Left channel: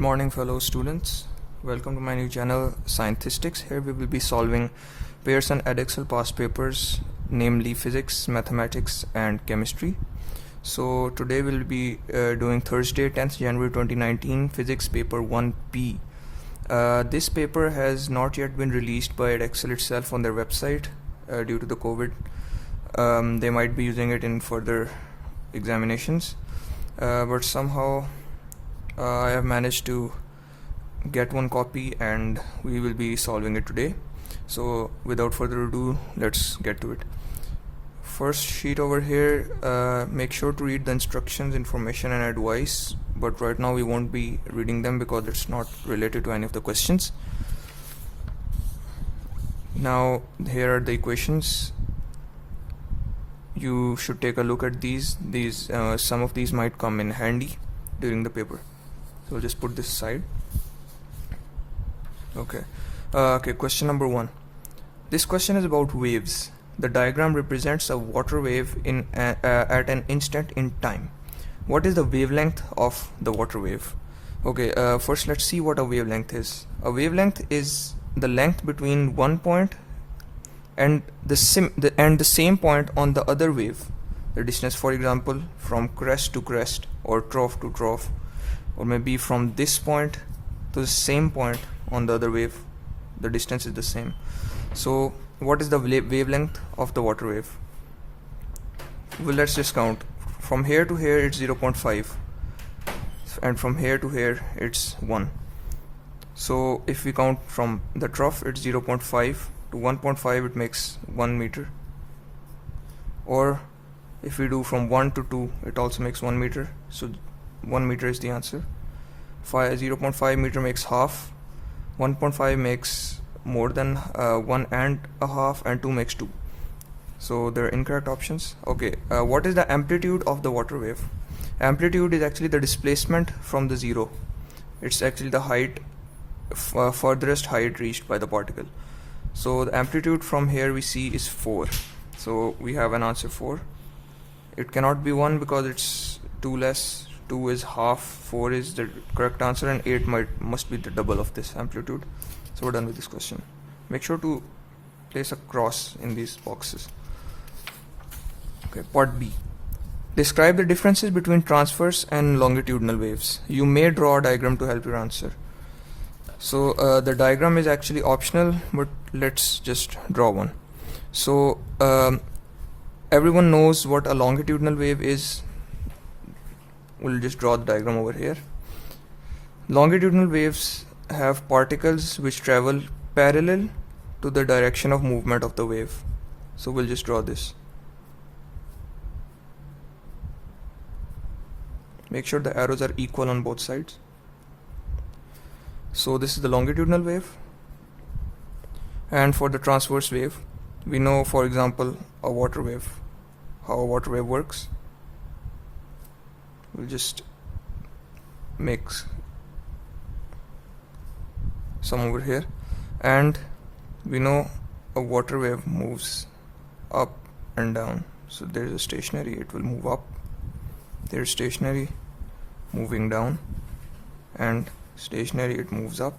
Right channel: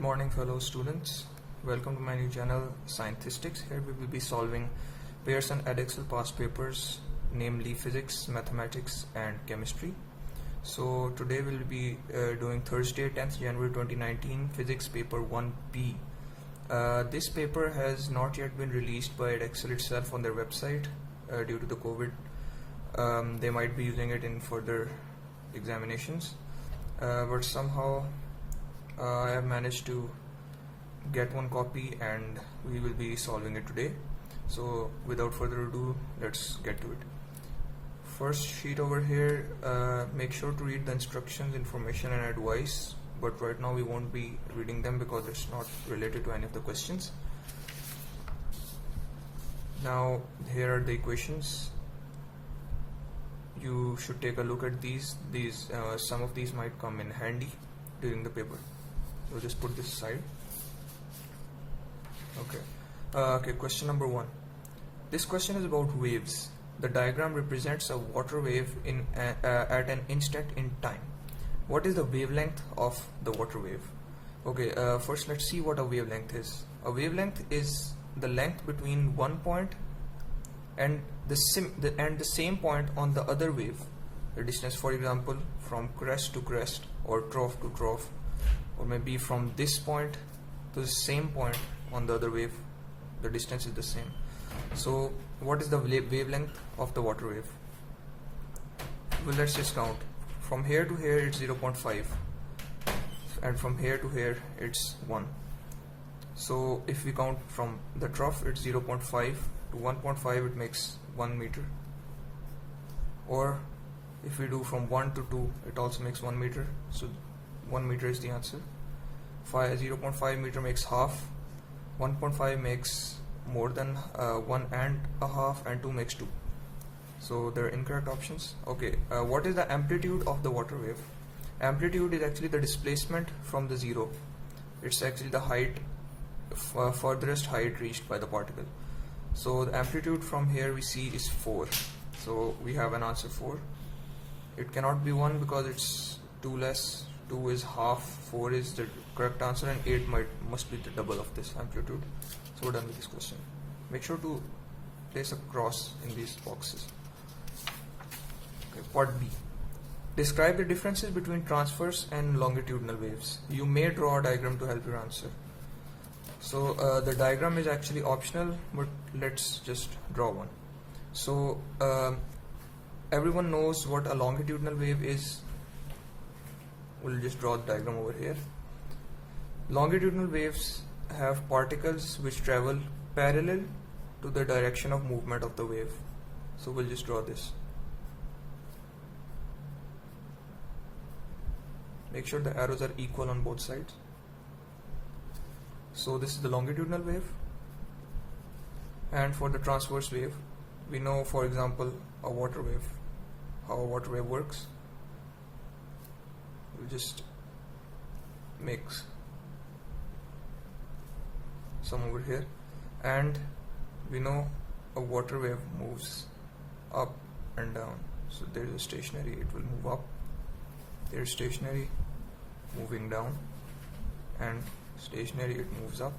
morning, fellow students. Welcome to my new channel, Scienthistics. Here we will be solving Pearson Edexcel past papers, namely physics, mathematics, and chemistry. So today we'll be doing Thursday, 10th January 2019, physics paper 1P. This paper has not yet been released by Edexcel itself on their website due to the COVID. They might be using it in further examinations, but somehow I have managed to get one copy and we will be solving it today. So without further ado, let's get to it. First sheet over here, make sure to read the instructions, information and advice, but right now we won't be reading them because it's not related to any of the questions. Now here are the equations. You should take a look at these. Some of these might come in handy during the paper. So we'll just put this aside. Okay, question number 1. This question is about waves. The diagram represents a water wave at an instant in time. What is the wavelength of the water wave? Okay, first let's see what a wavelength is. A wavelength is the length between one point and the same point on the other wave. The distance, for example, from crest to crest or trough to trough, or maybe from this point to the same point on the other wave, the distance is the same. So what is the wavelength of the water wave? Well, let's just count. From here to here it's 0.5 and from here to here it's 1. So if we count from the trough, it's 0.5 to 1.5, it makes 1 meter. Or if we do from 1 to 2, it also makes 1 meter. So 1 meter is the answer. 0.5 meter makes half. 1.5 makes more than 1.5, and 2 makes 2. So they're incorrect options. Okay, what is the amplitude of the water wave? Amplitude is actually the displacement from the zero. It's actually the height, furthest height reached by the particle. So the amplitude from here we see is 4. So we have an answer 4. It cannot be 1 because it's 2 less. 2 is half, 4 is the correct answer, and 8 must be the double of this amplitude. So we're done with this question. Make sure to place a cross in these boxes. Okay, part B. Describe the differences between transverse and longitudinal waves. You may draw a diagram to help your answer. So the diagram is actually optional, but let's just draw one. So everyone knows what a longitudinal wave is. We'll just draw the diagram over here. Longitudinal waves have particles which travel parallel to the direction of movement of the wave. So we'll just draw this. Make sure the arrows are equal on both sides. So this is the longitudinal wave. And for the transverse wave, we know, for example, a water wave, how a water wave works. We'll just make some over here, and we know a water wave moves up and down. So there's a stationary, it will move up. There's stationary, moving down, and stationary, it moves up,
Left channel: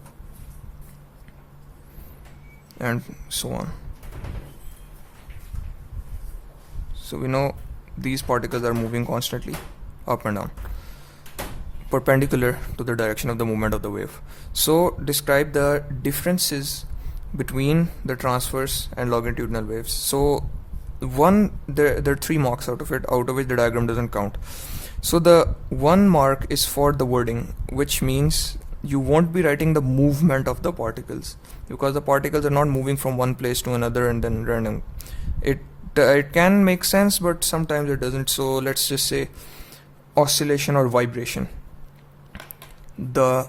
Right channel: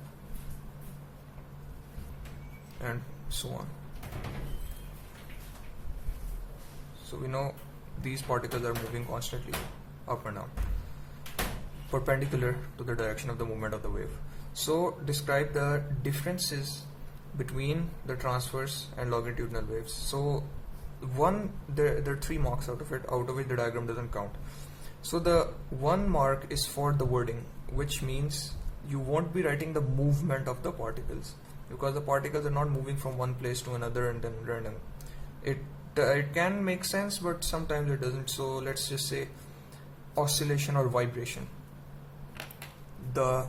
and so on. So we know these particles are moving constantly up and down, perpendicular to the direction of the movement of the wave. So describe the differences between the transverse and longitudinal waves. So there are 3 marks out of which the diagram doesn't count. So the 1 mark is for the wording, which means you won't be writing the movement of the particles, because the particles are not moving from one place to another and then random. It can make sense, but sometimes it doesn't. So let's just say oscillation or vibration. The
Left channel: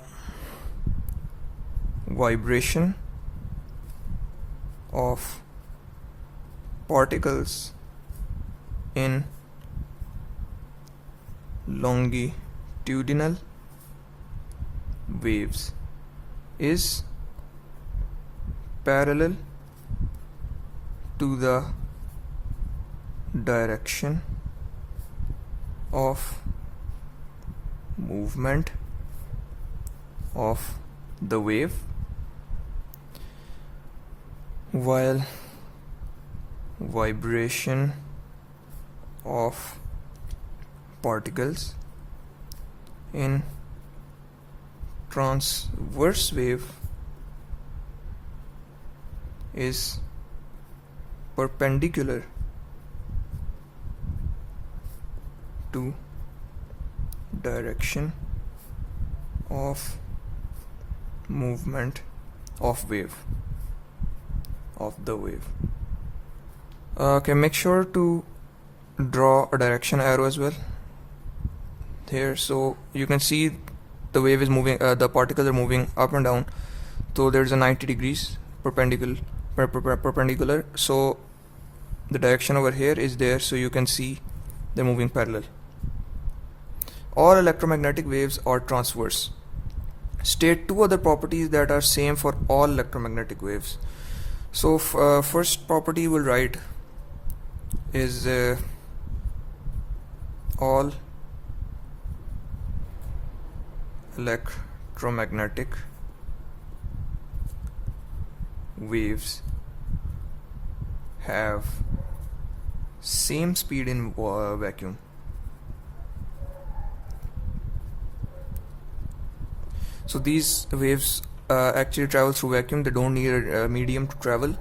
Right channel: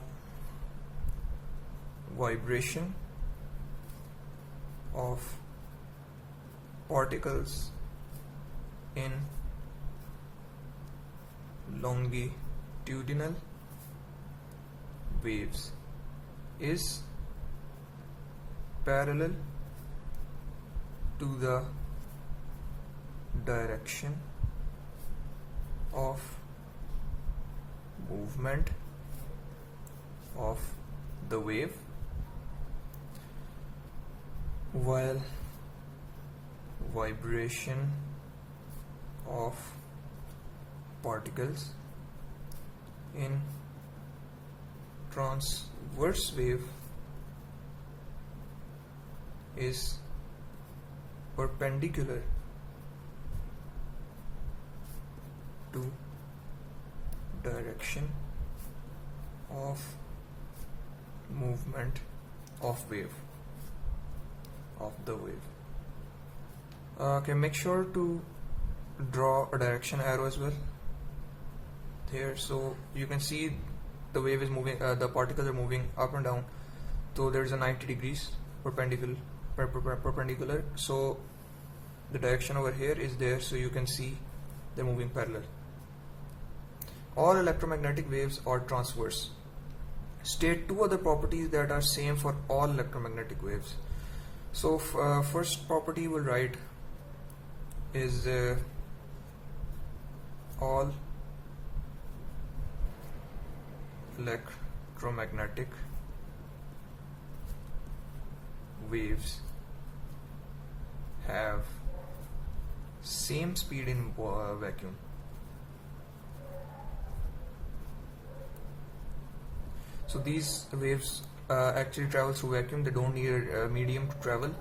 vibration of particles in longitudinal waves is parallel to the direction of movement of the wave, while vibration of particles in transverse wave is perpendicular to direction of movement of the wave. Okay, make sure to draw a direction arrow as well here, so you can see the wave is moving, the particles are moving up and down, so there's a 90 degrees perpendicular, so the direction over here is there, so you can see they're moving parallel. All electromagnetic waves are transverse. State two other properties that are same for all electromagnetic waves. So first property we'll write is all electromagnetic waves have same speed in vacuum. So these waves actually travel through vacuum, they don't need a medium to travel.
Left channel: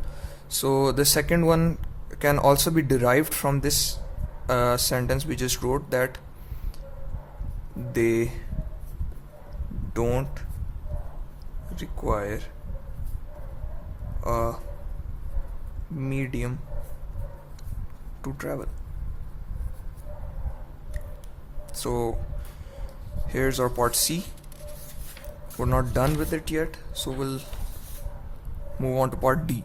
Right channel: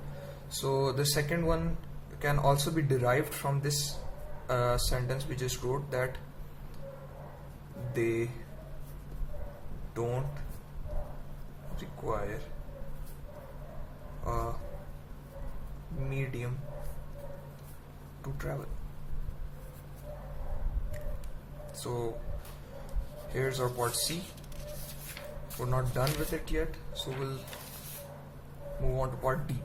So the second one can also be derived from this sentence we just wrote, that they don't require a medium to travel. So here's our part C. We're not done with it yet, so we'll move on to part D.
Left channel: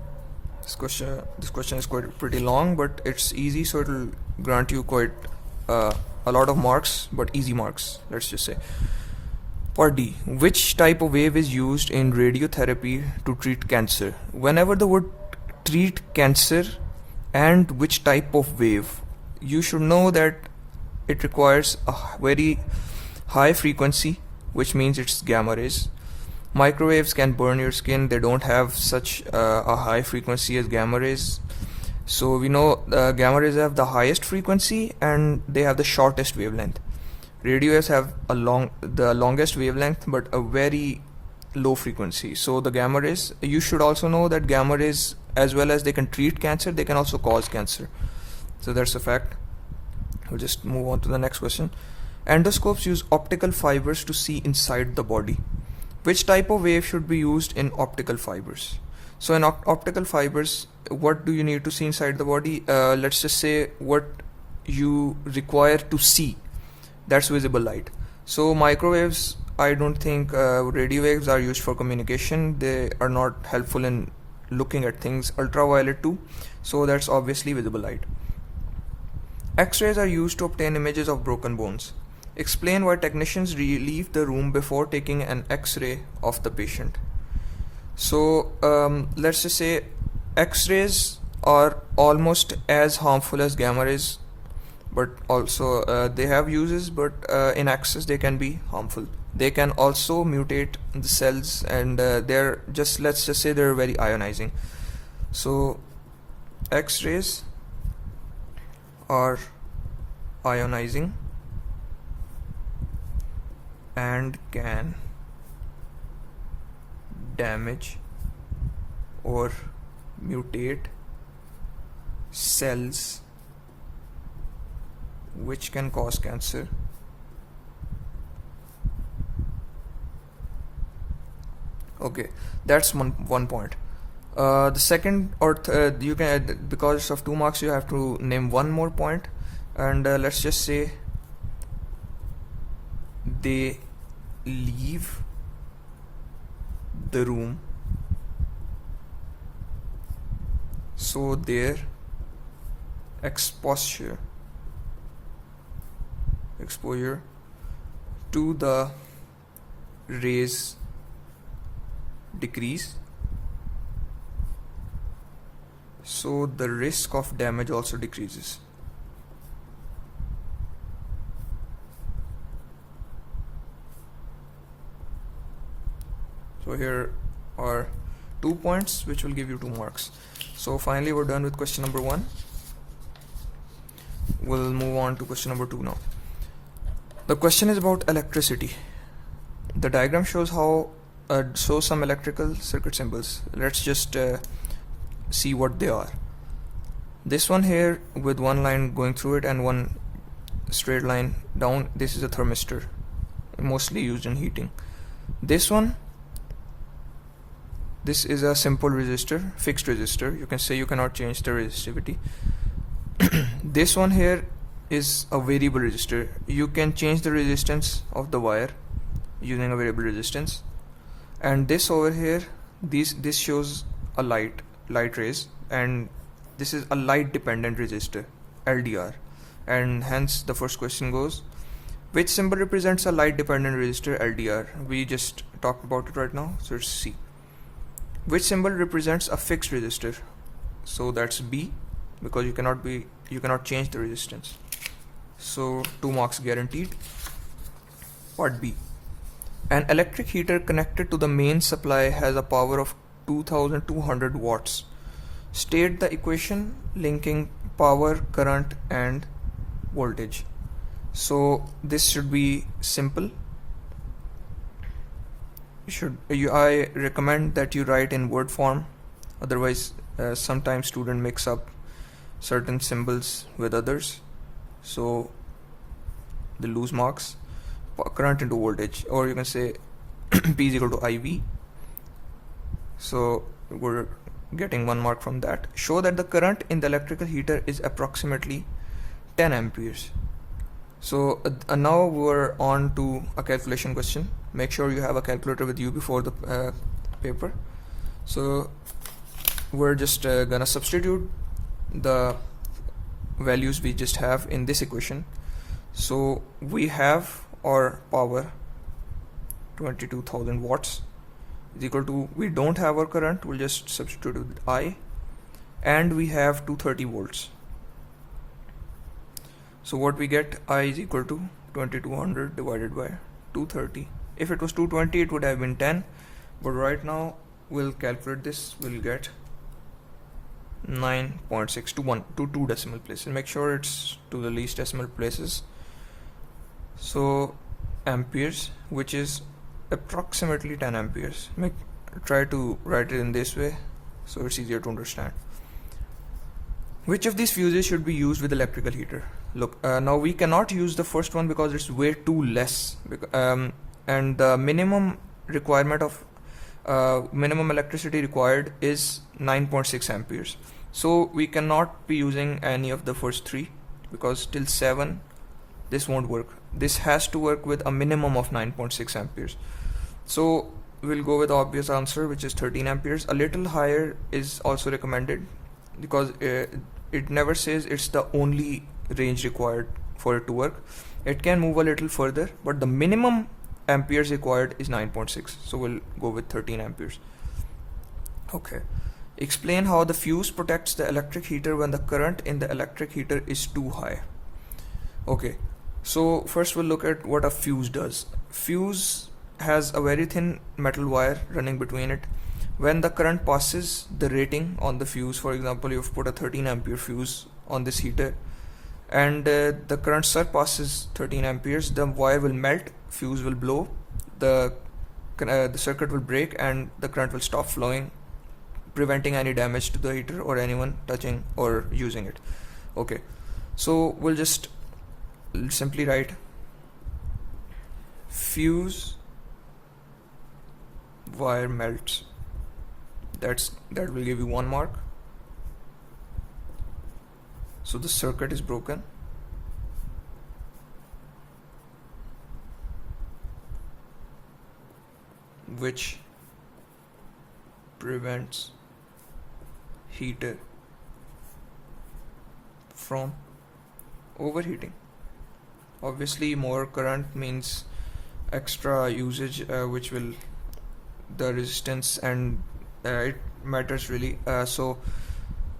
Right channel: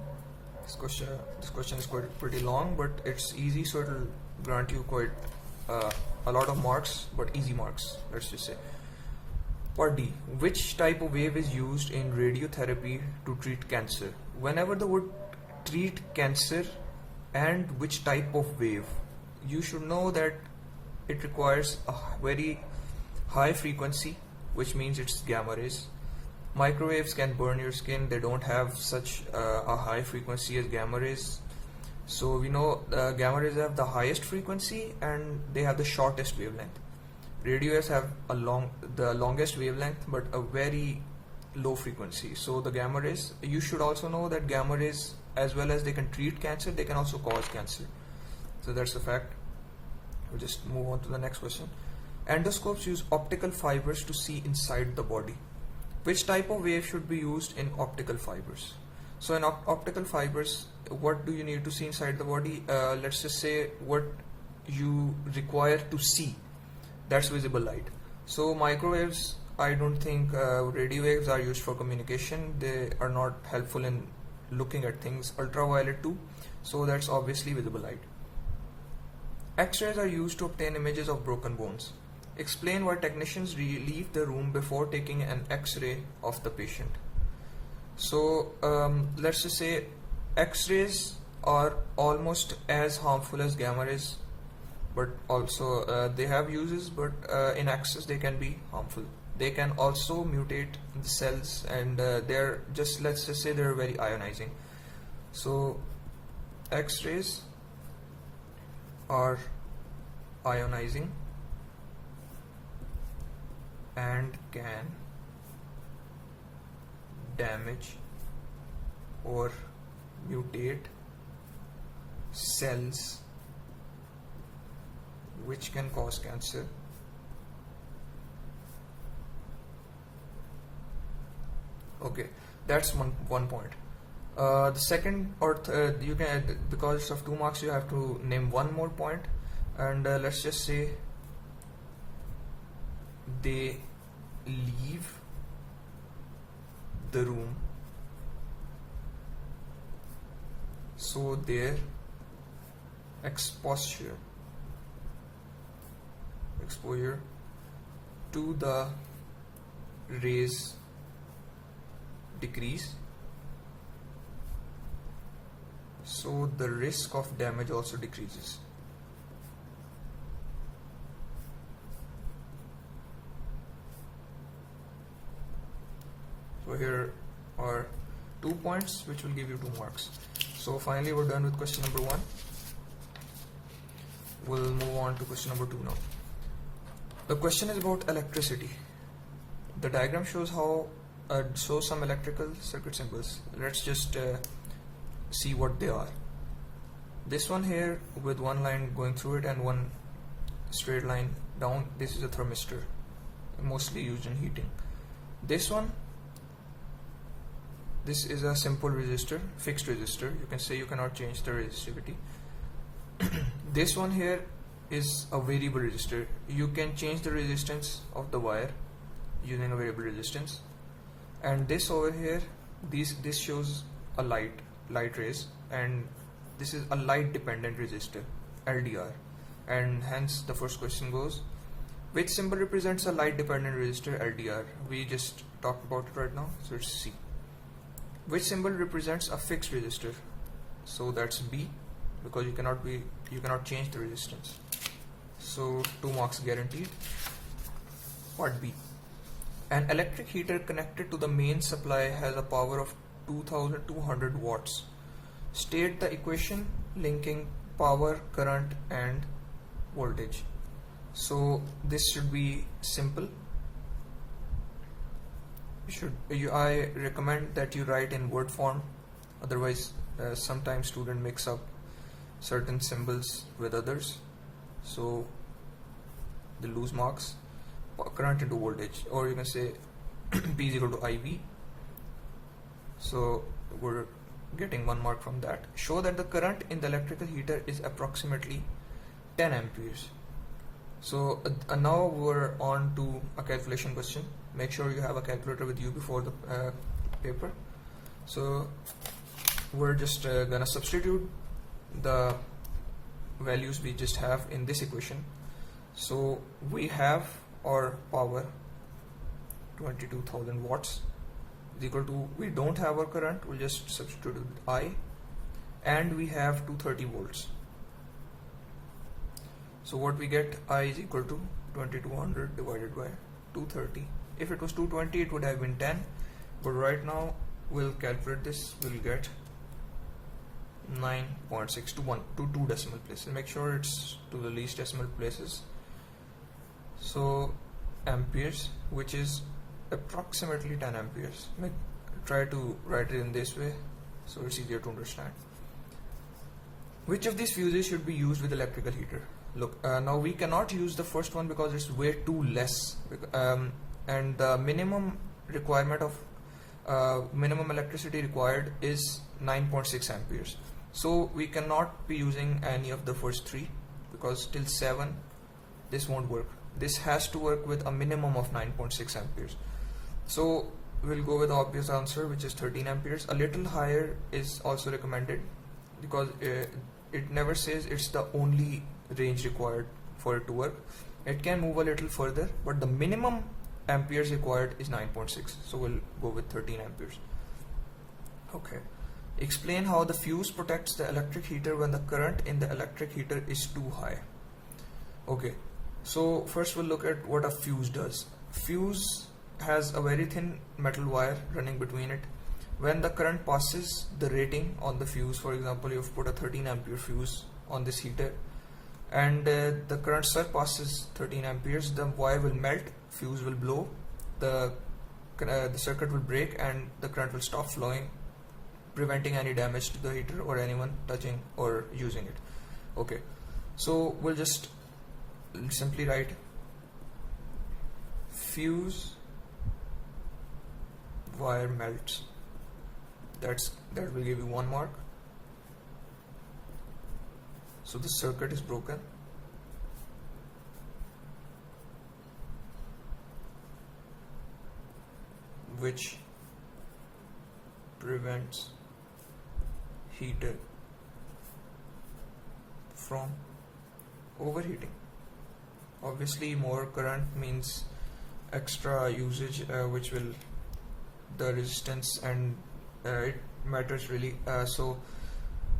This question is quite pretty long, but it's easy, so it'll grant you quite a lot of marks, but easy marks, let's just say. Part D. Which type of wave is used in radiotherapy to treat cancer? Whenever the word treat cancer and which type of wave, you should know that it requires a very high frequency, which means it's gamma rays. Microwaves can burn your skin, they don't have such a high frequency as gamma rays. So we know gamma rays have the highest frequency and they have the shortest wavelength. Radio waves have the longest wavelength but a very low frequency. So the gamma rays, you should also know that gamma rays, as well as they can treat cancer, they can also cause cancer. So that's a fact. We'll just move on to the next question. Endoscopes use optical fibers to see inside the body. Which type of wave should be used in optical fibers? So in optical fibers, what do you need to see inside the body? Let's just say what you require to see, that's visible light. So microwaves, I don't think radio waves are used for communication. They are not helpful in looking at things. Ultraviolet too, so that's obviously visible light. X-rays are used to obtain images of broken bones. Explain why technicians leave the room before taking an X-ray of the patient. So let's just say X-rays are almost as harmful as gamma rays, but also they have uses, but in excess they can be harmful. They can also mutate the cells, and let's just say they're very ionizing. So X-rays are ionizing and can damage or mutate cells, which can cause cancer. Okay, that's one point. The second, or you can, because of 2 marks, you have to name one more point, and let's just say they leave the room so their exposure to the rays decrease, so the risk of damage also decreases. So here are 2 points which will give you 2 marks. So finally we're done with question number 1. We'll move on to question number 2 now. The question is about electricity. The diagram shows how shows some electrical circuit symbols. Let's just see what they are. This one here with one line going through it and one straight line down, this is a thermistor, mostly used in heating. This one, this is a simple resistor, fixed resistor. You can say you cannot change the resistivity. This one here is a variable resistor. You can change the resistance of the wire using a variable resistance. And this over here, this shows a light rays, and this is a light dependent resistor, LDR. And hence the first question goes, which symbol represents a light dependent resistor, LDR? We just talked about it right now, so it's C. Which symbol represents a fixed resistor? So that's B, because you cannot change the resistance. So 2 marks guaranteed. Part B. An electric heater connected to the main supply has a power of 2200 watts. State the equation linking power, current and voltage. So this should be simple. I recommend that you write in word form, otherwise sometimes students mix up certain symbols with others, so they lose marks. Current into voltage, or you can say P is equal to IV. So we're getting 1 mark from that. Show that the current in the electrical heater is approximately 10 amperes. So now we're on to a calculation question. Make sure you have a calculator with you before the paper. So we're just gonna substitute the values we just have in this equation. So we have our power 22,000 watts is equal to, we don't have our current, we'll just substitute with I, and we have 230 volts. So what we get, I is equal to 2200 divided by 230. If it was 220 it would have been 10, but right now we'll calculate this, we'll get 9.6 to 2 decimal places. Make sure it's to the least decimal places. So amperes, which is approximately 10 amperes. Try to write it in this way so it's easier to understand. Which of these fuses should be used with electrical heater? Look, now we cannot use the first one because it's way too less, and the minimum requirement of minimum electricity required is 9.6 amperes. So we cannot be using any of the first 3 because till 7 this won't work. This has to work with a minimum of 9.6 amperes. So we'll go with the obvious answer, which is 13 amperes. A little higher is also recommended because it never says it's the only range required for it to work. It can move a little further, but the minimum amperes required is 9.6. So we'll go with 13 amperes. Okay. Explain how the fuse protects the electric heater when the current in the electric heater is too high. Okay. So first we'll look at what a fuse does. Fuse has a very thin metal wire running between it. When the current passes the rating on the fuse, for example, you've put a 13 ampere fuse on this heater, and the current surpasses 13 amperes, the wire will melt, fuse will blow, the circuit will break, and the current will stop flowing, preventing any damage to the heater or anyone touching or using it. Okay, so we'll just simply write fuse wire melts. That will give you 1 mark. So the circuit is broken. Which prevents heater from overheating. Obviously more current means extra usage, which will the resistance, and it matters really. So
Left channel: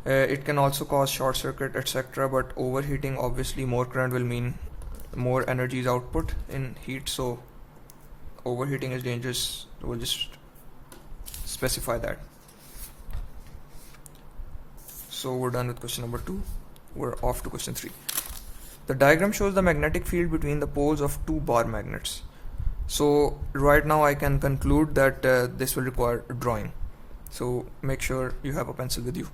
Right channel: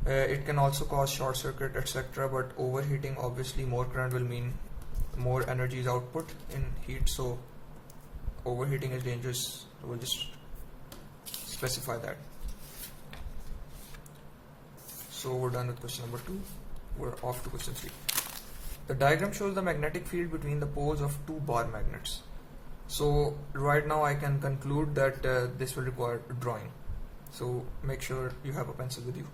it can also cause short circuit, etc. But overheating, obviously more current will mean more energy is output in heat, so overheating is dangerous. We'll just specify that. So we're done with question number 2. We're off to question 3. The diagram shows the magnetic field between the poles of two bar magnets. So right now I can conclude that this will require drawing. So make sure you have a pencil with you.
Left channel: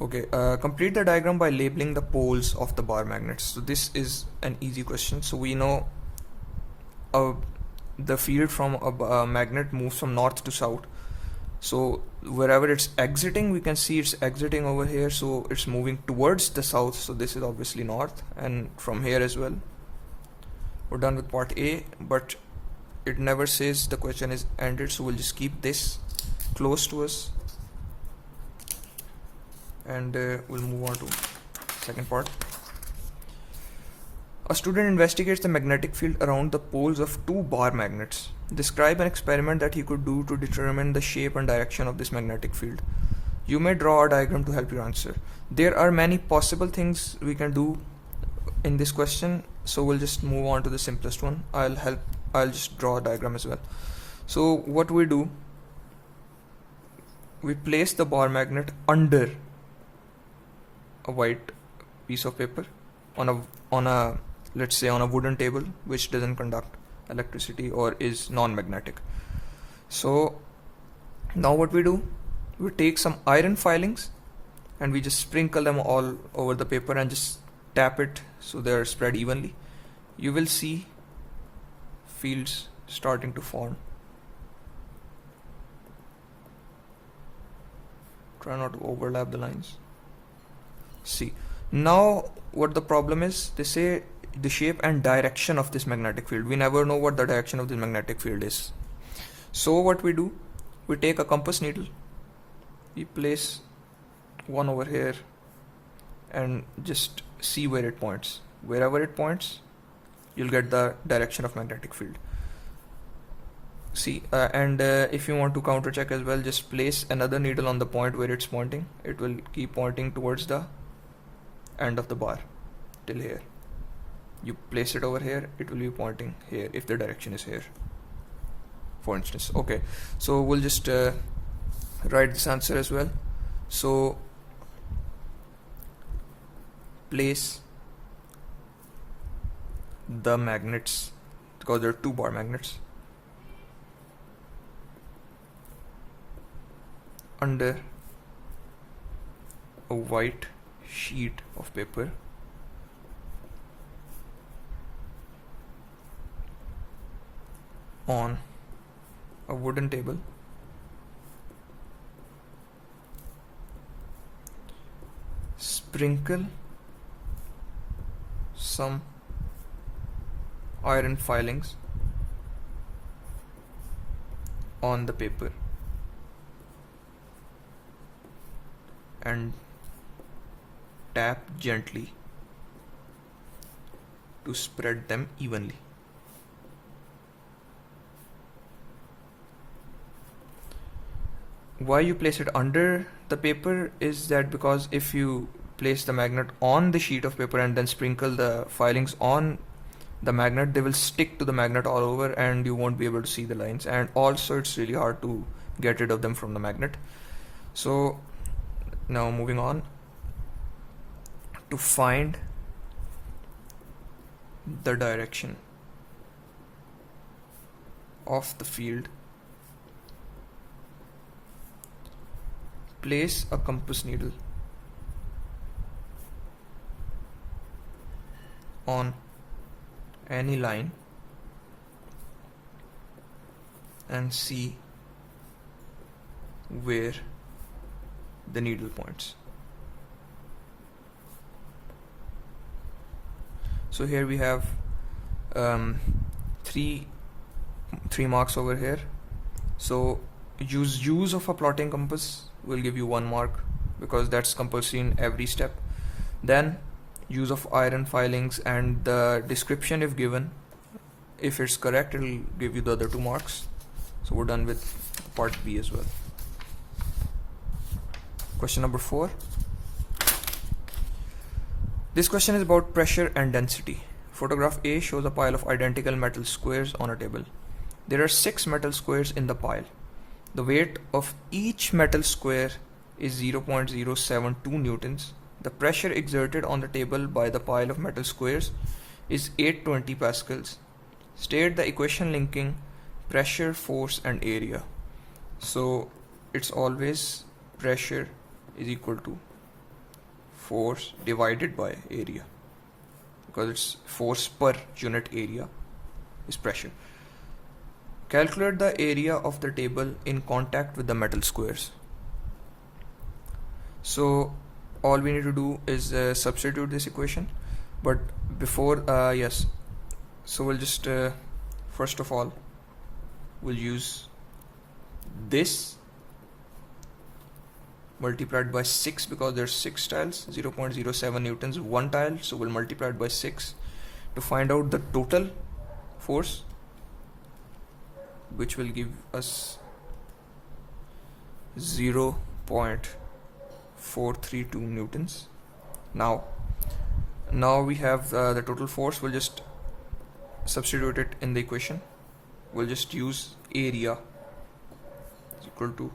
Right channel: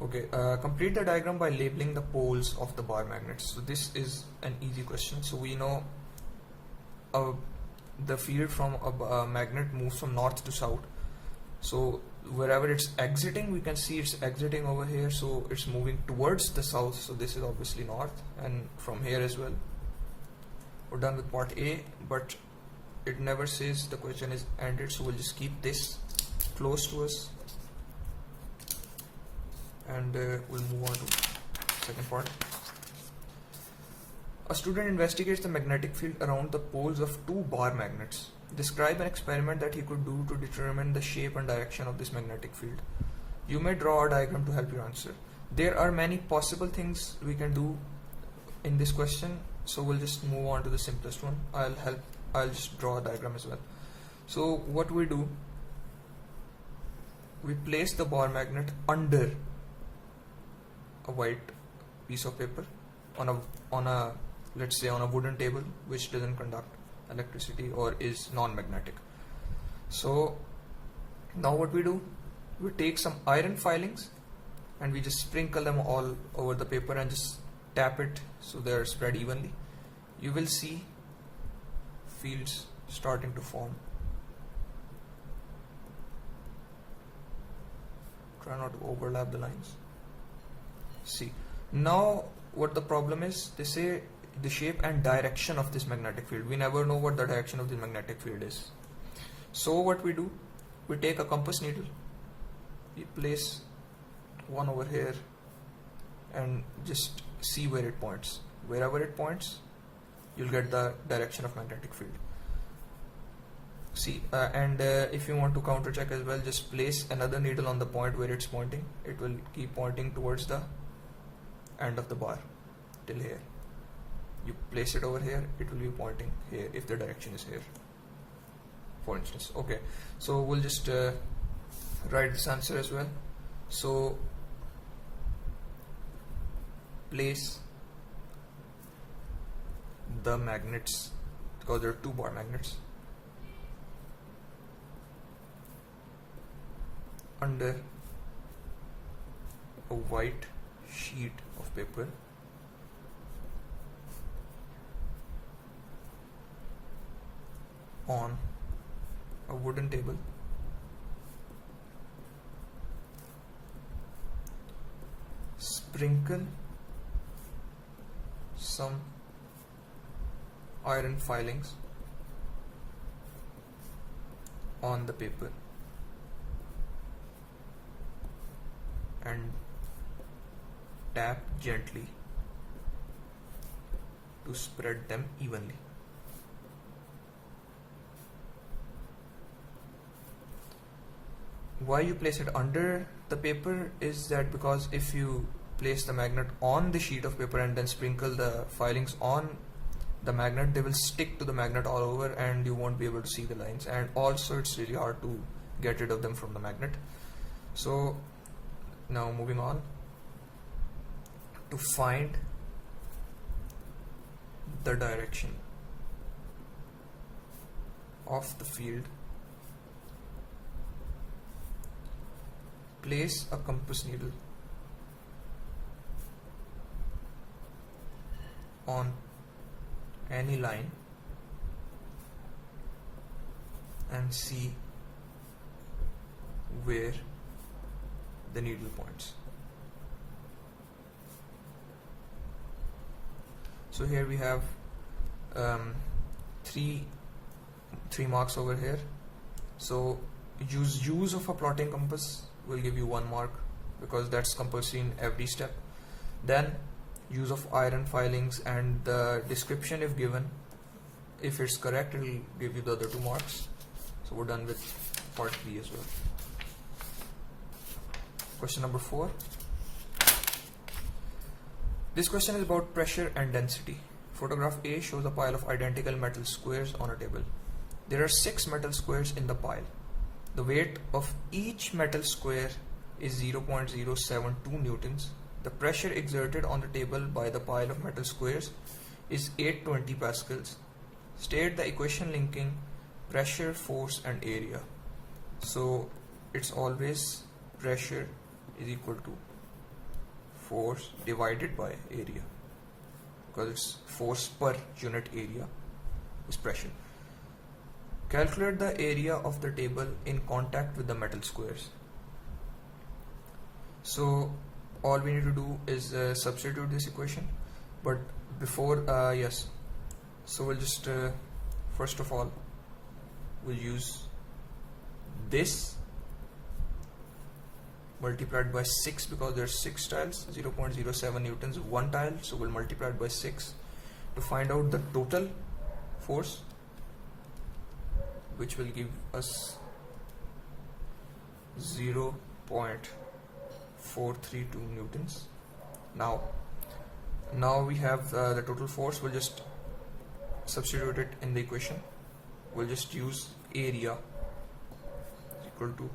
Okay, complete the diagram by labeling the poles of the bar magnets. So this is an easy question. So we know the field from a magnet moves from north to south. So wherever it's exiting, we can see it's exiting over here, so it's moving towards the south, so this is obviously north, and from here as well. We're done with part A, but it never says the question is ended, so we'll just keep this close to us, and we'll move on to second part. A student investigates the magnetic field around the poles of two bar magnets. Describe an experiment that he could do to determine the shape and direction of this magnetic field. You may draw a diagram to help you answer. There are many possible things we can do in this question, so we'll just move on to the simplest one. I'll just draw a diagram as well. So what we do, we place the bar magnet under a white piece of paper on a let's say on a wooden table which doesn't conduct electricity or is non-magnetic. So now what we do, we take some iron filings and we just sprinkle them all over the paper and just tap it so they're spread evenly. You will see fields starting to form. Try not to overlap the lines. See, now what the problem is, they say the shape and direction of this magnetic field. We never know what the direction of this magnetic field is. So what we do, we take a compass needle, we place one over here and just see where it points. Wherever it points, you'll get the direction of magnetic field. See, if you want to counter check as well, just place another needle on the point where it's pointing. It will keep pointing towards the end of the bar till here. You place it over here, it will be pointing here if the direction is here, for instance. Okay, so we'll just write this answer as well. So place the magnets, because there are two bar magnets, under a white sheet of paper on a wooden table. Sprinkle some iron filings on the paper and tap gently to spread them evenly. Why you place it under the paper is that because if you place the magnet on the sheet of paper and then sprinkle the filings on the magnet, they will stick to the magnet all over and you won't be able to see the lines, and also it's really hard to get rid of them from the magnet. So now moving on to find the direction of the field, place a compass needle on any line and see where the needle points. So here we have three marks over here. So use of a plotting compass will give you 1 mark because that's compulsory in every step. Then use of iron filings and the description if given, if it's correct, it will give you the other 2 marks. So we're done with part B as well. Question number 4. This question is about pressure and density. Photograph A shows a pile of identical metal squares on a table. There are 6 metal squares in the pile. The weight of each metal square is 0.072 newtons. The pressure exerted on the table by the pile of metal squares is 820 pascals. State the equation linking pressure, force and area. So it's always pressure is equal to force divided by area, because it's force per unit area is pressure. Calculate the area of the table in contact with the metal squares. So all we need to do is substitute this equation, but before so we'll just first of all we'll use this multiplied by 6, because there's 6 tiles, 0.07 newtons one tile, so we'll multiply it by 6 to find out the total force, which will give us 0.432 newtons. Now we have the total force. We'll just substitute it in the equation. We'll just use area is equal to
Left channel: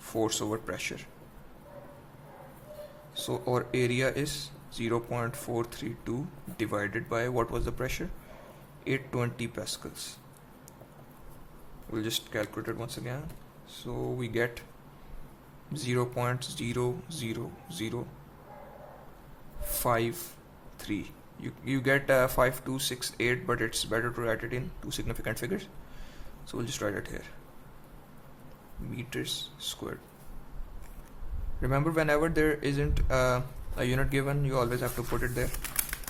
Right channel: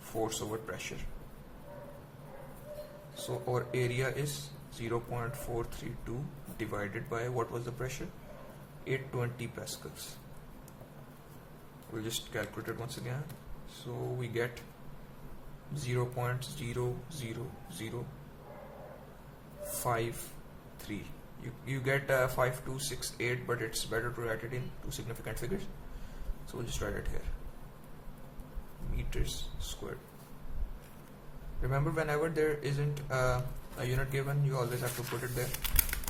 force over pressure. So our area is 0.432 divided by, what was the pressure? 820 pascals. We'll just calculate it once again. So we get 0.00053. You get 5268, but it's better to write it in two significant figures. So we'll just write it here. Meters squared. Remember, whenever there isn't a unit given, you always have to put it there.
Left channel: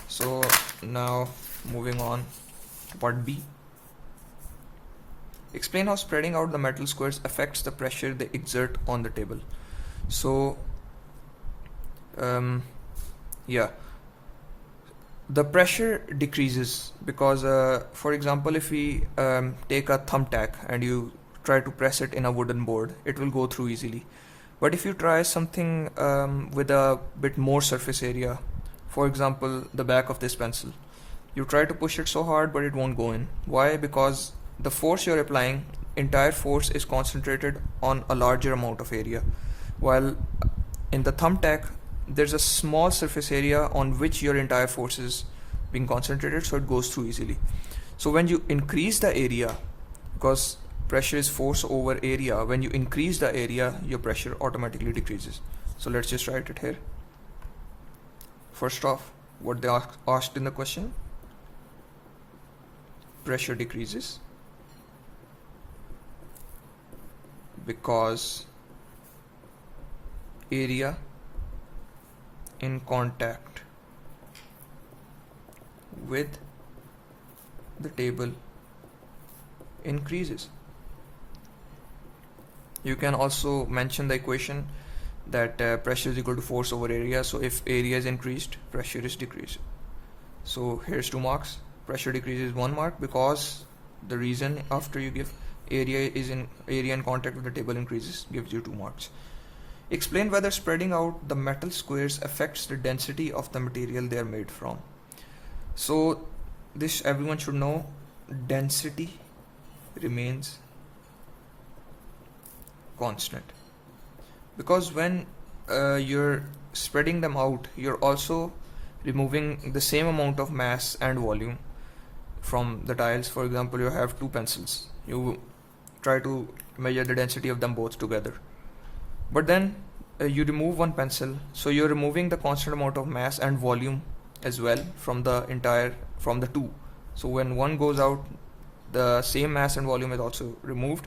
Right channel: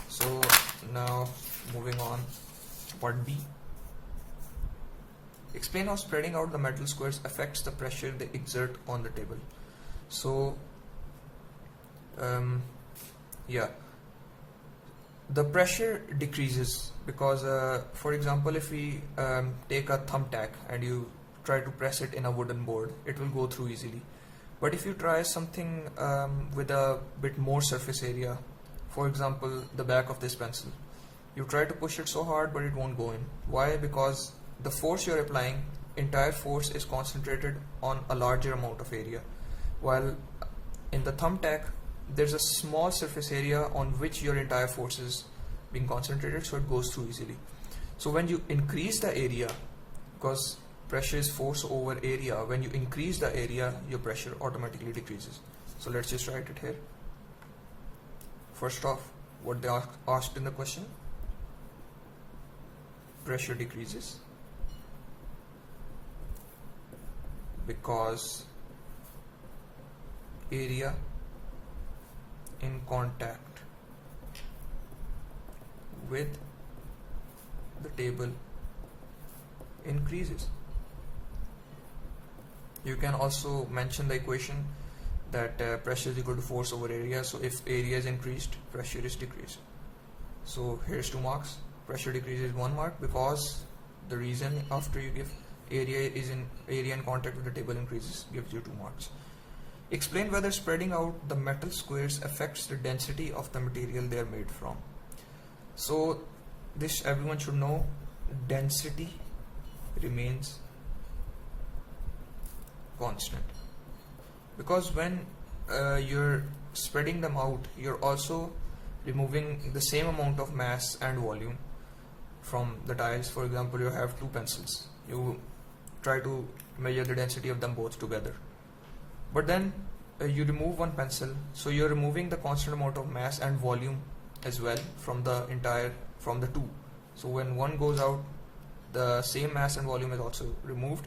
So now moving on to part B. Explain how spreading out the metal squares affects the pressure they exert on the table. So the pressure decreases because for example, if we take a thumbtack and you try to press it in a wooden board, it will go through easily. But if you try something with a bit more surface area, for example the back of this pencil, you try to push it so hard but it won't go in. Why? Because the force you're applying, entire force is concentrated on a larger amount of area, while in the thumbtack there's a small surface area on which your entire force is being concentrated, so it goes through easily. So when you increase the area, because pressure is force over area, when you increase the area, your pressure automatically decreases. So let's just write it here. First off, what they asked in the question: pressure decreases because area in contact with the table increases. You can also mention the equation that pressure is equal to force over area. So if area is increased, pressure is decreased. So here's 2 marks. Pressure decreases 1 mark, because the reason after you give area in contact with the table increases gives you 2 marks. Explain whether spreading out the metal squares affects the density of the material they are made from. So this everyone should know, density remains constant, because when you're spreading them out, you're also removing the same amount of mass and volume from the tiles. For example, you have 2 pencils, you try to measure the density of them both together, but then you remove 1 pencil, so you're removing the constant amount of mass and volume as well from the 2. So when one goes out, the same mass and volume is also removed,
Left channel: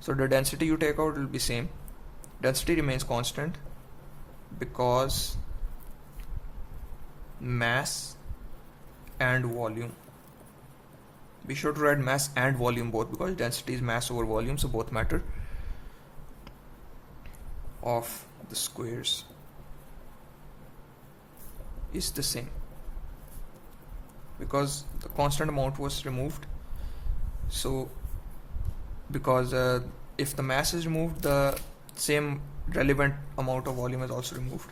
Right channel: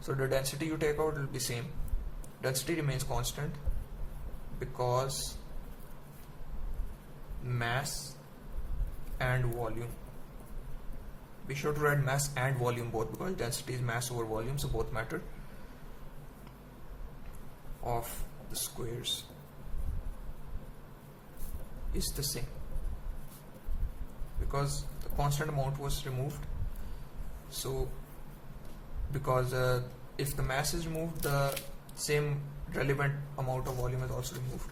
so the density you take out will be same. Density remains constant because mass and volume, be sure to write mass and volume both, because density is mass over volume, so both matter, of the squares is the same, because the constant amount was removed. So because if the mass is removed, the same relevant amount of volume is also removed.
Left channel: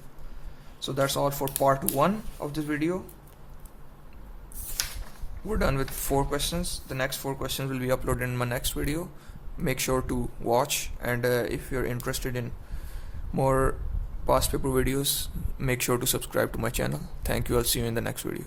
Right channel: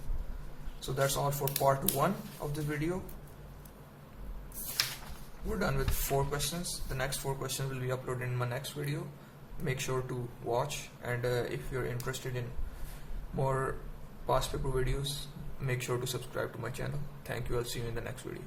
So that's all for part 1 of this video. we're done with 4 questions. The next 4 questions will be uploaded in my next video. Make sure to watch, and if you're interested in more past paper videos, make sure to subscribe to my channel. Thank you. I'll see you in the next video.